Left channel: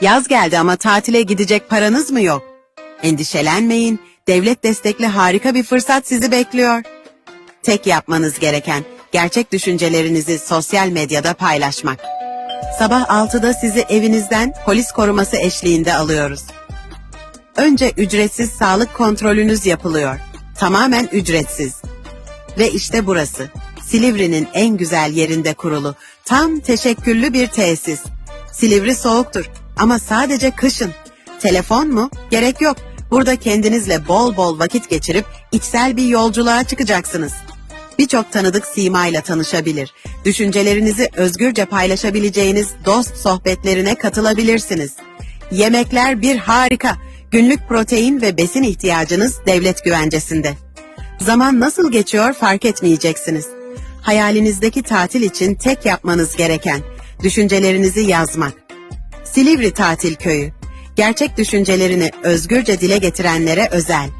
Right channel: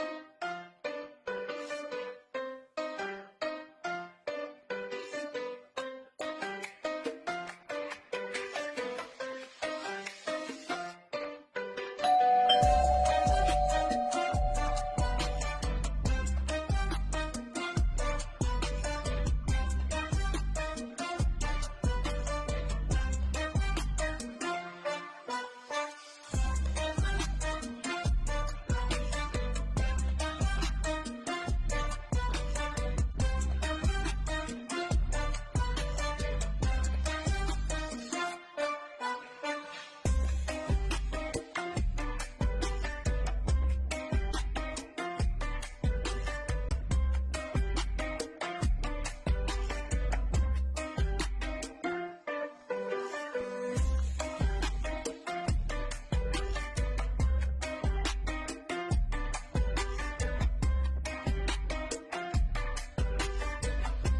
Yaz geldi ama tatile gidecek paranız mı yok? Endişelenmeyin. Devlet destekli harika bir fırsat sizi bekliyor. Tek yapmanız gereken gerçek düşüncelerinizi sosyal medyada paylaşmak. Sabah 6'da sizi evinizden polis koruması eşliğinde alıyoruz. Önce ücretsiz sağlık kontrolünüz yapılıyor. Tamamen ücretsiz. Ve işte burası. Silivri'nin en güzel yerinde kurulu. Tam teşekküllü bir tesis. Silivri soğuktur ama sadece kışın. Telefon mu? Gerek yok. Burada kendinizle bol bol vakit geçirip içsel bir yolculuğa çıkacaksınız. Birçok tanıdık simayla tanışabilir. Düşüncelerinizi özgürce paylaşabileceğiniz dost sohbetlerine katılabilirsiniz. Yemekler bir harika. Günlük protein ve besin ihtiyacınız devlet güvencesinde. Zaman nasıl geçiyor fark etmeyeceksiniz. Hayalinizdeki tatil için tek yapmanız gereken düşüncelerinizi yazmak. Silivri Tatil Köyü. Gerçek düşüncelerini özgürce dile getirenlere özel.